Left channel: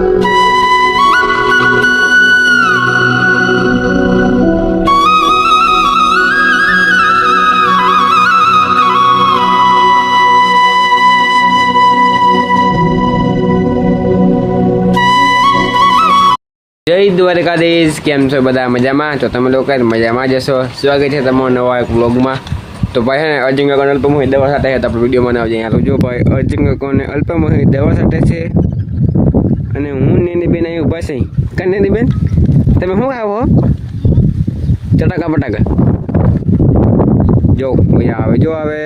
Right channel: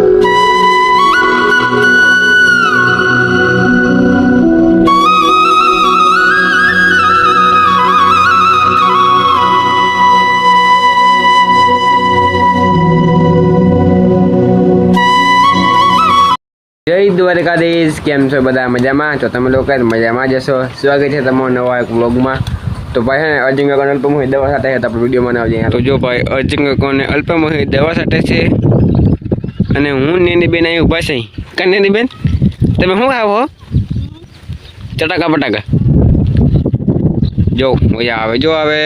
જય દ્વારકાધીશ, કેમ છો બધા? મજામાં? તો તમે લોકો મજામાં જશો. સ્વાગત છે તમારો નવા એક વ્લોગમાં. તો ભાઈ હે અર્જુન કાકાને અલ્પમોહિત દવા સાથે હતા આપણે વિડીયો બનાવજે. તો જો ભાઈ અર્જુન કાકાને અલ્પમોહિત દવા સાથે છે અને હું નેની બેન અહીં ઊભા છે. કાં નેની બેન તમે શું આવો ચટાકા પટાકા જો મજા આવે. જો આવે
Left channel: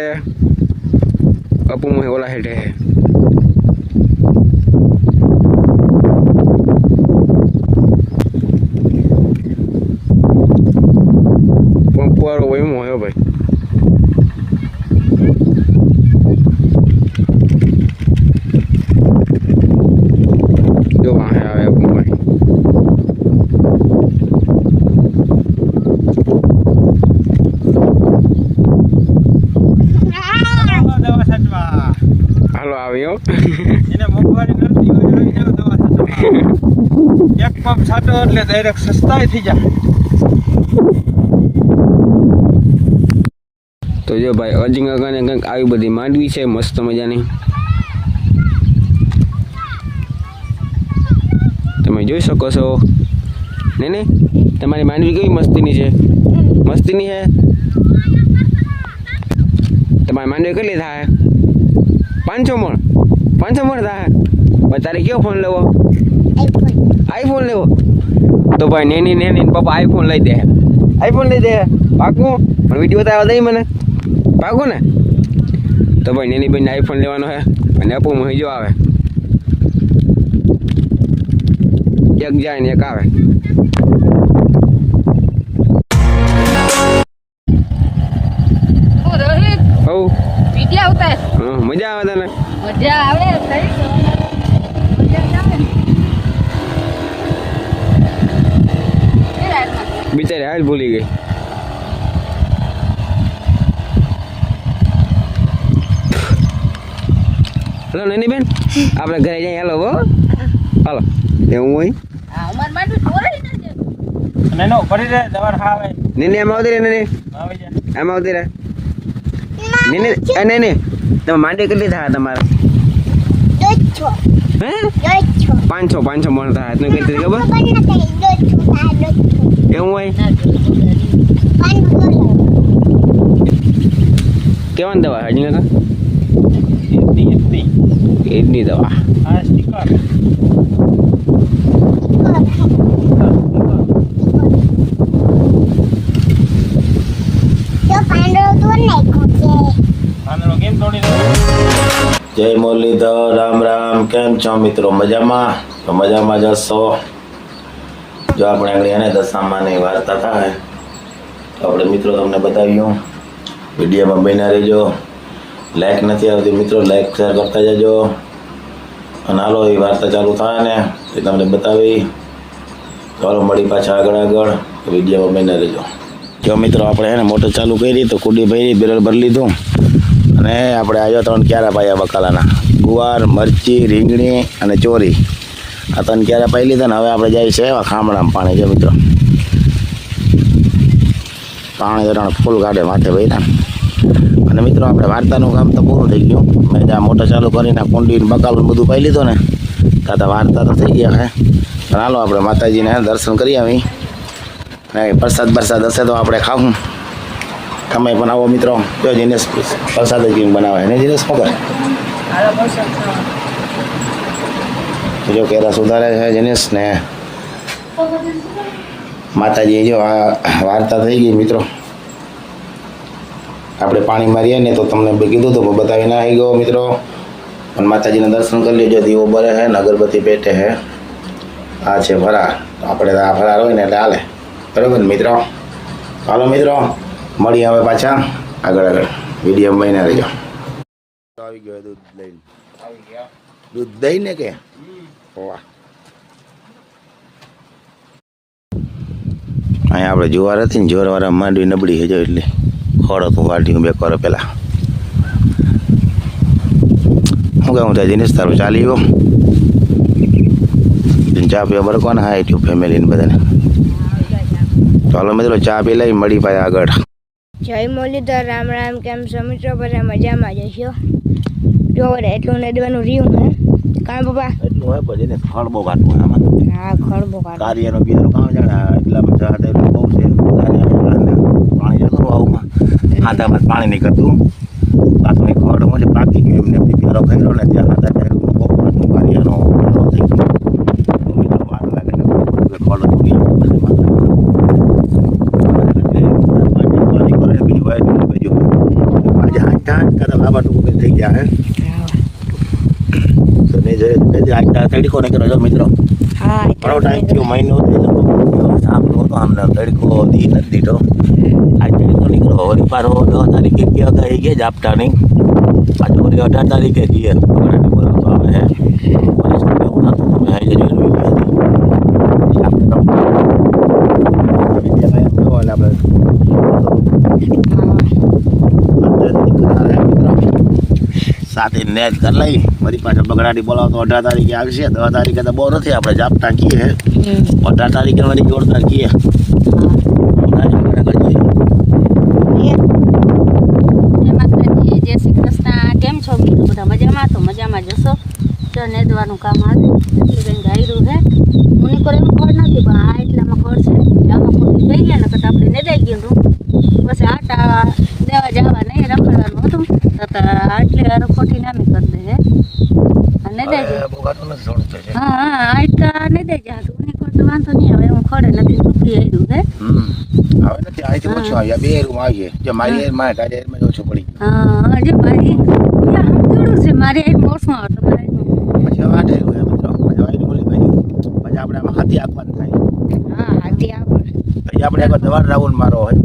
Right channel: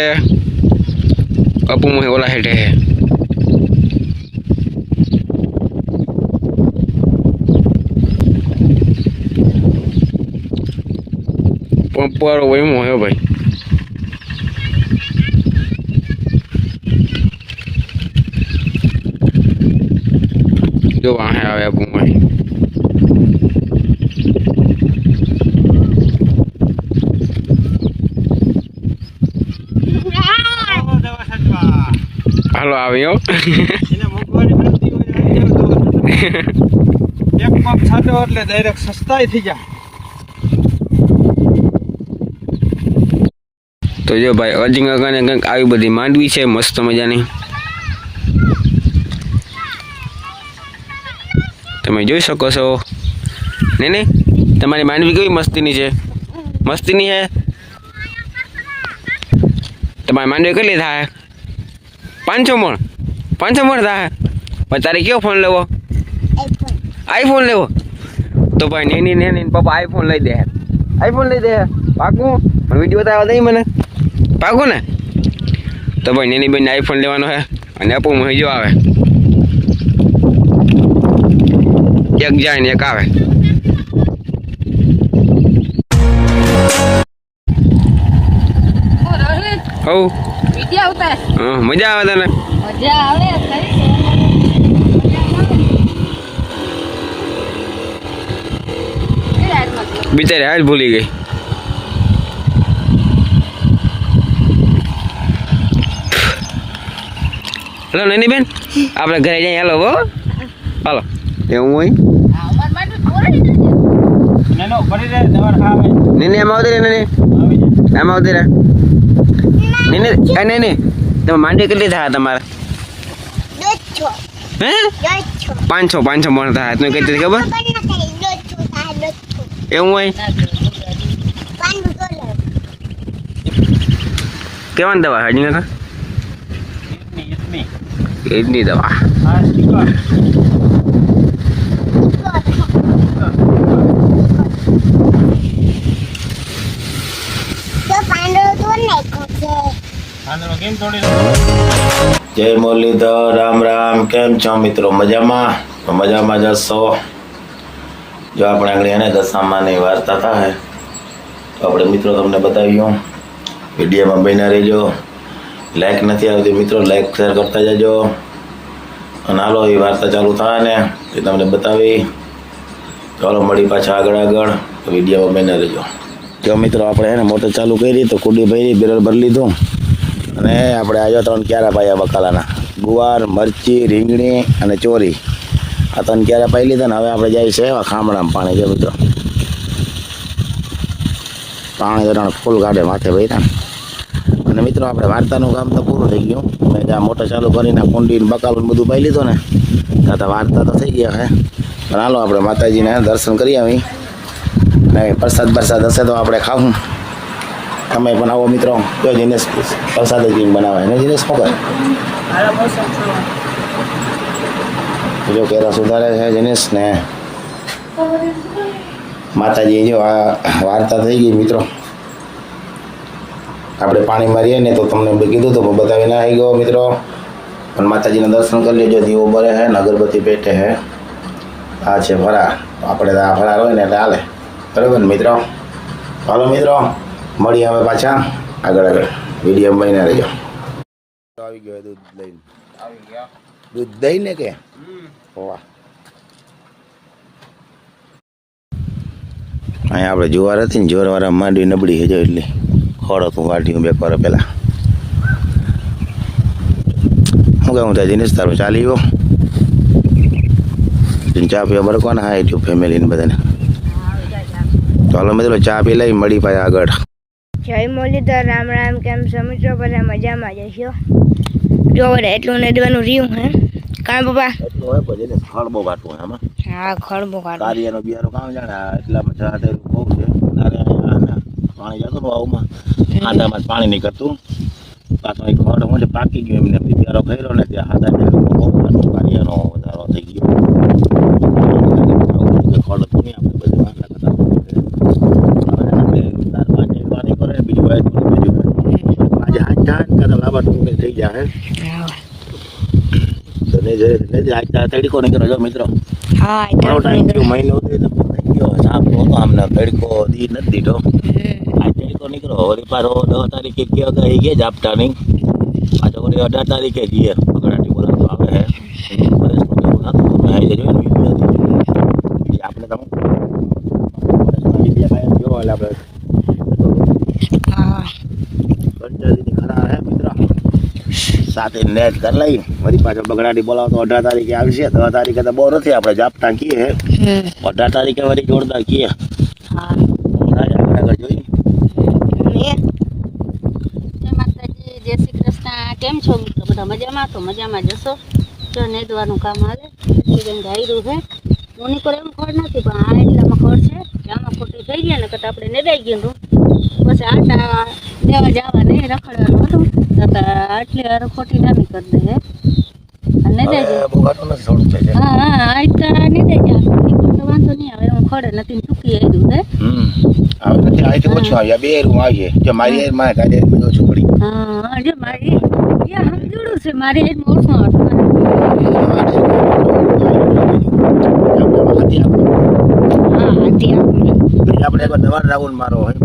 અપુમોહિત ઓલા હેઠે હે પંપરો એમ હોય ભાઈ. જો વાહે આવે ભાઈ. હાલો આવ્યો એને મોંઘવારી નથી એક પંપ છાંટો એટલે ડાયરેક્ટ સસ્તાઈ થઈ જાય. તો જો ભાઈ અર્જુન કાકાને કંઈક આવી બધી માંડવી છે મસ્ત મજાની. તમે જોઈ શકો છો ને તમારી માંડવી કેવી મસ્તીની છે. મસ્તીની છે તમારી માંડવી કેટલી થાય? 500 મણ. 500 મણ થાય. પણ તારે કયો ફોન લેવો? આઈફોન લેવો? તો ભાઈ નેની પપ્પા આઈફોન લઈ દે. આઈફોન લઈ દે પાકું? પણ વિડીયો તો આવવા દઈ મને પાકું ને? તો ભાઈ નેની બેનને આઈફોન લેવાનો છે અને અપુમોહિત જો આવે. એક જાય ને એક આવે. હવ વિડિયો ઉતાર. મજા આવે તને? મજા આવે બિચારી હાલ ભૂલી ગઈ. હલો નેની બેન આપણે ઘરે જઈએ. હાલો હો હાલો. એવું હોય અમાર માટે થોડી નેનો ભરી દે દવા ખાવે. નેની આમ આવતી રે. નેની આવી જાય આમ આવતી રે. નેની તમે માંડવી કેટલી થાય તમારે? હે 500 મણ થાય. તું કઈ ખબર એવું હોય? કેવાની દવા હજી નતા એડની દવા? હા સ્ટીકર આંધળો કેમ તોડી રહ્યો? જય મુરલીધર, રામ રામ. કેમ છો મિત્રો? મજામાં? તો મજામાં જશો. જો આપણે આગળ એને દશામાની વાર્તા થાય તો આપણે મિત્રો તમને બતાવ્યું. વિડીયોમાં બન્યા રહેજો. લાઈક નથી આવતી મિત્રો, લાઈક શેર કરતા જજો. અને હાલો એ વાર્તા ચાલુ થાય ને એ તમને બતાવી. ચાલો મળી પાછા આગળ વિડીયોમાં બન્યા રહેજો. જો મિત્રો આપણે એને મોટર ચાલુ કરી તો કુડી ભરી બેરલ ભરી લીધું અને આપણે આવ્યો 3 ક્યારા પાયા બકાલાના. ગુવાર, મરચી, રીંગણી અને ચોરી આ 3 ક્યારા પાઈ લીધા ને હવે આપણે જાય છે એવા ખામણામાં પાણી. જો મિત્રો પાણી જરા ફૂલ કાઢે માથે ભર્યા. અને મિત્રો આપણે વાર્તાનું કામ તો પૂરું થઈ ગયું. મેં જ્યાં મોટર ચાલુ કરીને કુંડી બકાલું બધું પાઈ લીધું ને ત્યાં તો વાર્તા તો થઈ ગયા હે. પણ હાલો આપણે માતાજીને દર્શન કરી આવી ને પ્રસાદ હશે તો આપણે ખાવું. તમે પણ આવો મિત્રો. જો જીનેશ પ્રસાદ જ બનાવે ને જીનેશ શું કરે? જો કેરા સુધારે છે જીનેશ ને માતાજી. જો આ વાર્તા થઈ ગઈ મિત્રો. આપણે પાણી મારીએ ને તો તમને કીધું તો બતાવી ના આવી ગયો મિત્રો. પણ માતાજીના દર્શન કરી લેજો. દીવો બરે છે ને અગરબત્તી પેટે છે. આ છે ફરાર. આપણે આ ફરાર હોય ને એટલે હાલે. બરાબર ને મિત્રો? ચાલો મિત્રો મળીએ હવે પાછા આગળ વિડીયો બન્યા રહેજો. આવી ગયો દૂધ લઈને. આવી ગયા દૂધ દઈને કે વાહ. અહીંયા આપણે જુવાર હતી ને જોરવાળા માંડવી નબળી છે જો એટલે ખોડ હતું વાઢ્યું 2 વાર પહેલાં. શું કહું ત્યાં જીનેશ તારું ચાલી ગયો? ચા પીવા બરાબર કોણ હા યુટ્યુબ ફેમિલીને બધાને તો હાલો મિત્રો ચા પી લઈ મળી પાછા આગળ. જય મુરલીધર, રામ રામ. કેમ છો મિત્રો? બધા મજામાં જશો. જો વડે એટલું નેદવાનું રહ્યું હે કાં પપ્પા? એટલું હોય પછી એને ખડ બહુ કાઢવું હોય આમાં. હા, ખડબો કાઢો. કારિયાનો બિયારો કામ જાણે એટલામાં ચા તો એટલું બહુ છે. પાણી જતું આવુંમાં હાથામાં પાણી નહીં કરતું પાછું એ ખડ હોય પાકી ગયો એમને બિયારો કર્યો ને ત્યાં હાથા બહુ કાઢું કારિયાનો બિયારો થઈ ગયો ખડ હતું થઈ ગયા હે તડકો નીકળ્યો જો મિત્રો. હા, મહિનો સાંભળો તો આમને તડકો દી નથી દીધો. આ તડકો નીકળ્યો વળી પાછો 10 તારીખે ગયા ગયા ઝાપટાની પાછો વળી 18 તારીખે ગયા બગડાટી બોલાવતો આવે હે આપણે સાથે નેટ કરી લઈ વળી પાછા બગડાટી બોલાવતો 18 તારીખે આવશે. 10 તારીખે તો બહુ નથી આપણે ઝાપટા કીએ 18 તારીખે વળી જોરદાર કીએ. જય શ્રી કૃષ્ણ. કેમ છો મિત્રો? બધા મજામાં? તો મજામાં જશો. તો નેદવાનું કામ આવે બેન ગાયરું છે ઉની પર એમ ખડ નથી પણ આ એટલામાં ખડ છે આમાં ખોટી થઈ ગયા ને કરતાં આપણે નેદાઈ ગયું હતું પછી આટા દેવા જવા નહીં રખડવાનું હતું તો આટલે ખોટી નામી કરી દે હે અને નેદાઈ જાય. હા હા આટકા નેદાઈ જાય તો વાંધો નહીં આવે હું ખડે નથી ચૂકી આવ્યું હે હા જે મારી જોડું છે મારે એક મોસમ આપણે નવા રાઉન્ડ મારો હોય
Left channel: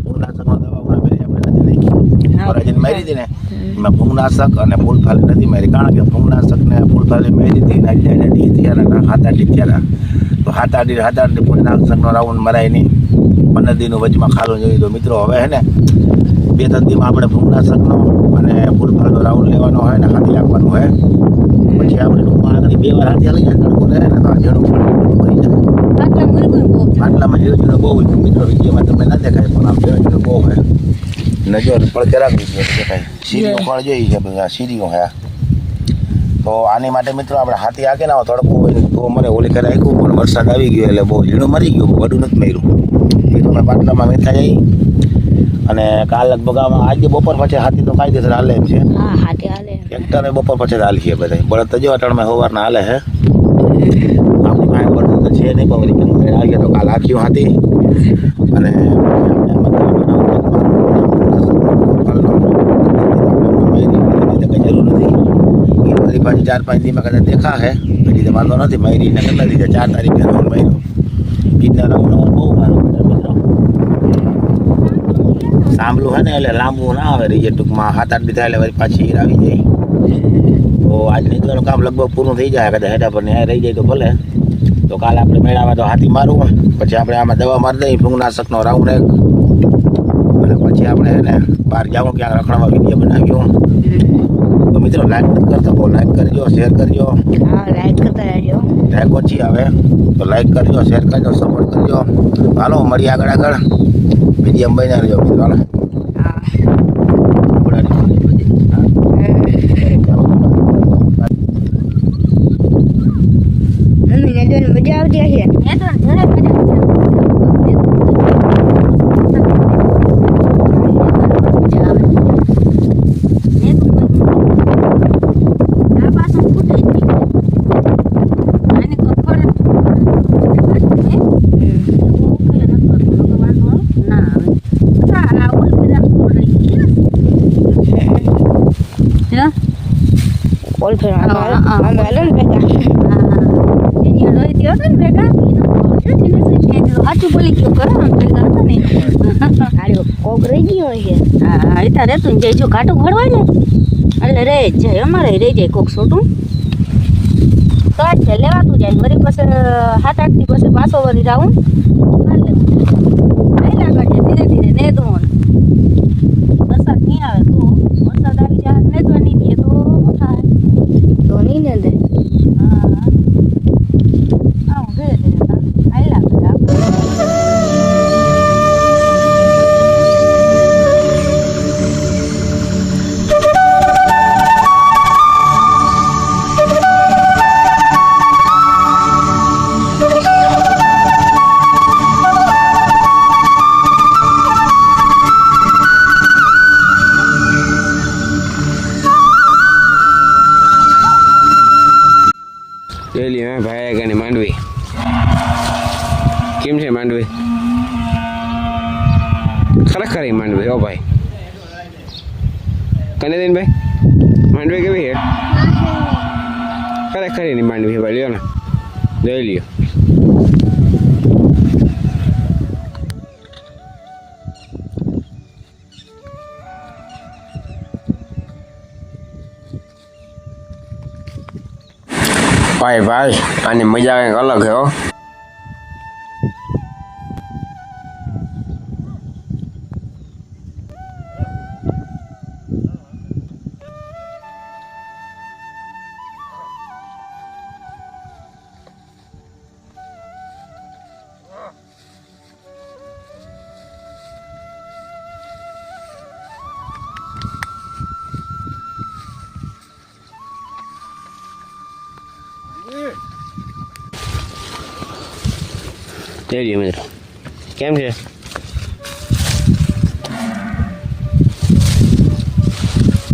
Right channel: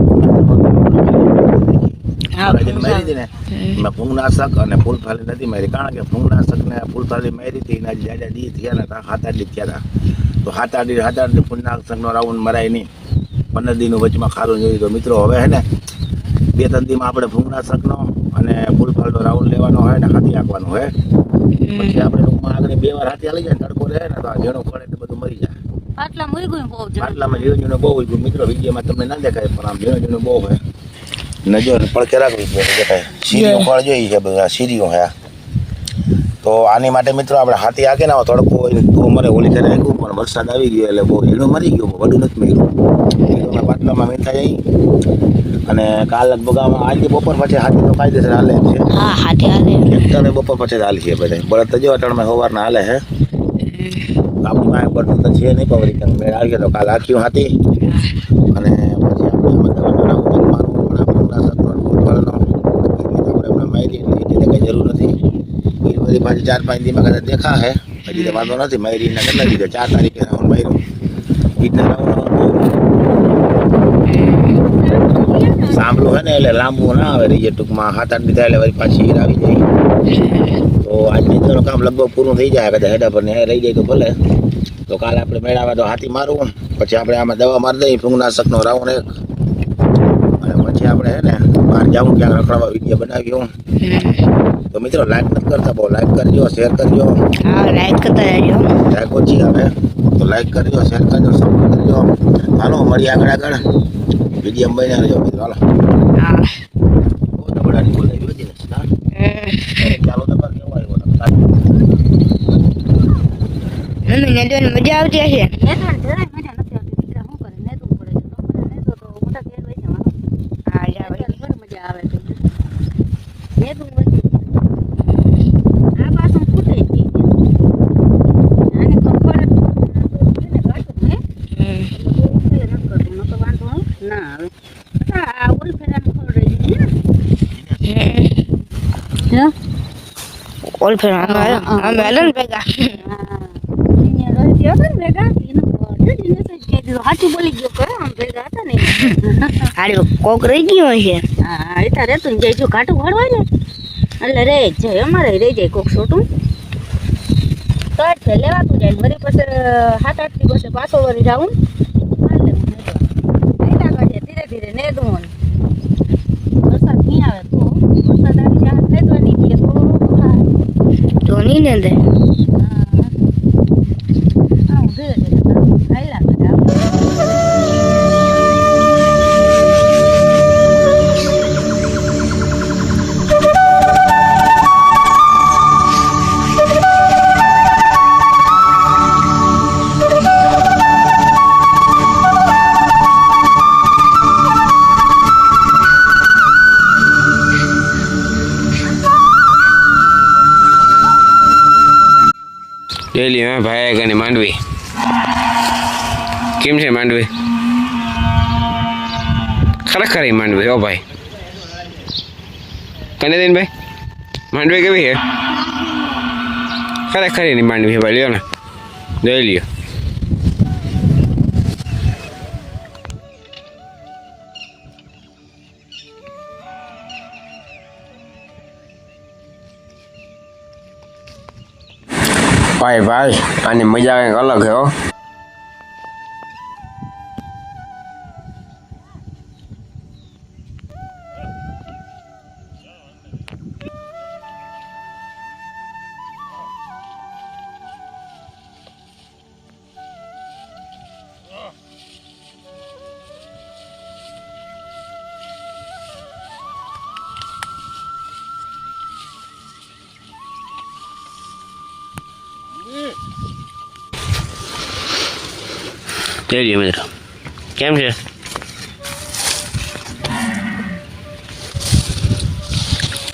ફૂંગનાશક અને ફૂલફાલી નથી મારી કારણ કે ફૂંગનાશક ને ફૂલફાલી મારી હતી હાથા ત્યારે તો હાથા ફૂલનાશકનો રાઉન્ડ મરાય નહીં 15 દિનનું વચમાં ખારું જોયું તો મિત્રો હવે હે ને 2-3 દીમાં આપણે ફૂંગનાશકનો અને ફૂલફાલનો રાઉન્ડ લેવાનો હોય ને હાથી આપવાનું હોય પછી આપણે ટૂંકમાં આગળ 2 વાર હાથી લઈ જાય તડકો રહે ને તો ઝીણું પણ મરી જાય. પાટલામાં ઝીણું બહુ હોય મિત્રો વિડીયોમાં તમને ના દેખાય પણ આમ ઝીણું બહુ હોય નજર પડકે રાખવી દેખાય. સીરીઓ ફળ જોઈ છે બધા સીરીઓ હે તો આની માટે મિત્રો આપણે હાથી આકે ના તડકો હોય તો મરે ઓલી કરે રાખ્યું પણ વરસાદ આવી ગયો એટલે બહુ ઝીણું મરી ગયું વડું નથી મર્યું એ પાટલામાં મેઠા જાય અને કાલ લગભગ આજે બપોર પછી હાથી તો કાયદેસર હાલે છે. હા, હાથી હાલે એકતાને બપોર પછી હાલ છે બધા બળદ જો અટણમાં સવારના હાલે હે આપણી પાસે બળદ તો છે નહીં પવરી આવી ગયા તો કાલ હાખ્યું હાથી અને કઈ જરૂર નથી એ બધી પાછી 4-5 દીમાં કદાચ દેખા હે પછી તો વાંધો નથી મયરીના કેટલા દીધા 4 તારીખે મહિનો ઈદના રાઉન્ડ બહુ સાંભળું હોય ને એટલે લાંબુ ના આવે રહીએ ટૂંકમાં 7-8 દી થાય એટલે પાછી ઈર આવી જાય તો આજની તો કામ લગભગ પૂરું થઈ જાય કદાચ હેડા પર ને રહી જાય તો ભલે તો કાલે આપણે મેળાવે તો હાથી મારવું પછી આપણે આમાં દવા મારી દઈએ ફૂંગનાશકનો રાઉન્ડ એક અને પછી આપણે હે ને બહાર જાવું ક્યાંક રખડવા વિડીયો બનાવ્યો તો મિત્રો લાઈક નથી કરતા બહુ લાઈક કરજો શેર કરજો. હા, લાઈક કરતા રહેજો. લાઈક ઓછી આવે તો લાઈક કરજો શેર કરજો સપોર્ટ કરજો. હાલો મળીએ આગળ વિડીયો બન્યા રહેજો મિત્રો. હાલો હા, ચાલો મમ્મી નેદવાની મજા આવતી હશે. નેદવાનું જરાય મજા ઓલ ફેર અમે હાલો ને ભેગા સાચું બોલી ગયો કરે ભેગા હતા ને હાલો કોક રહી ગયો હશે. હા એ તારે તું જાય જો કાટું ભરવા ને એટલે રહી જ જાય અમારે રહી જાય કોક છોટું તો જ લેવાતું જાય વળી પછી 7-8 દી પછી પાછો વળી રાઉન્ડ ધીરે ધીરે નેદવું વરસાદ નહીં આવે તો વરસાદ આવી જાય નેદવા નહીં દે તો થાય તો નહીં ને દે. હા આવું છે ભાઈ કને માંડવી કેમ છે માંડવી ખરેખર એ માંડવી હો ભાઈ કને દિન ભાઈ માંડવી કેવી છે ખરેખર એની માંડવી છે ભાઈ લ્યો ને જોઈ લ્યો ભાઈ ભાઈ આની મજા કંઈક અલગ છે હો જઈ મિત્રો કેમ છે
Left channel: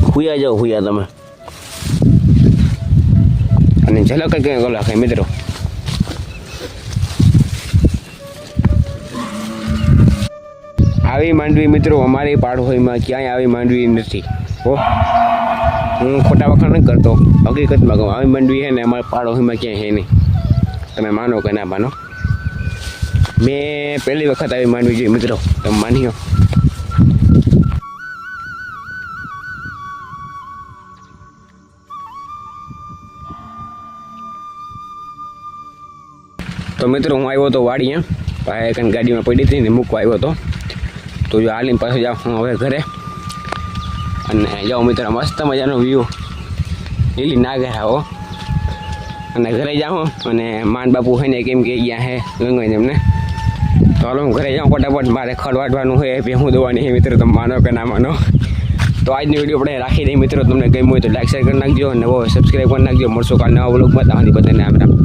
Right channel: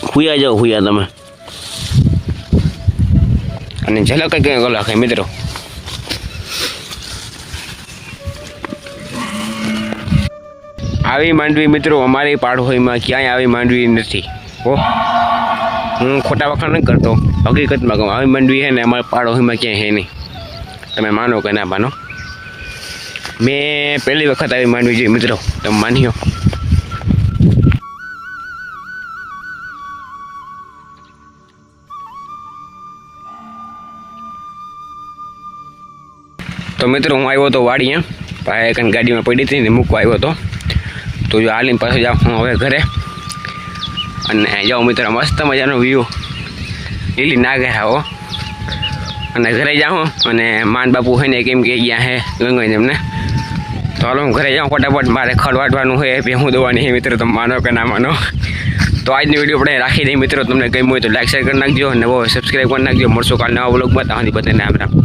હુયા જાઓ હુયા તમે અને ઝલક કંઈક અલગ છે મિત્રો આવી માંડવી મિત્રો અમારી પાડોશીમાં ક્યાંય આવી માંડવી નથી હો હું ખોટા વખાણ નથી કરતો હકીકતમાં કહું આવી માંડવી છે ને અમારા પાડોશીમાં ક્યાંય છે નહીં તમે માનો કે ના માનો મેં પહેલી વખત આવી માંડવી જોઈ મિત્રો તમે માન્યો તો મિત્રો હું આવ્યો હતો વાડીએ ભાઈ કંઈ ગાડીમાં પડી હતી ને મૂકવા આવ્યો હતો તો જો હાલીને પાછો જાઉં હું હવે ઘરે અને જાઓ મિત્રો મસ્ત મજાનો વ્યૂ લીલી નાગે આવો અને ઘરે જાઉં અને માન બાપુ છે ને કેમ કે ગયા હે ગંગાઈ એમને તો હાલો હું ઘરે જાઉં ફટાફટ મારે ખડ વાટવાનું હોય ભેહું દોવાની છે મિત્રો તમે માનો કે ના માનો તો આજની વિડીયો આપણે રાખી દઈએ મિત્રો તમને ગમ્યું હોય તો લાઈક શેર કરી નાખજો અને સબસ્ક્રાઈબ કરી નાખજો મળશો કાલ નવા વ્લોગમાં ત્યાં સુધી બધાને આમ રામ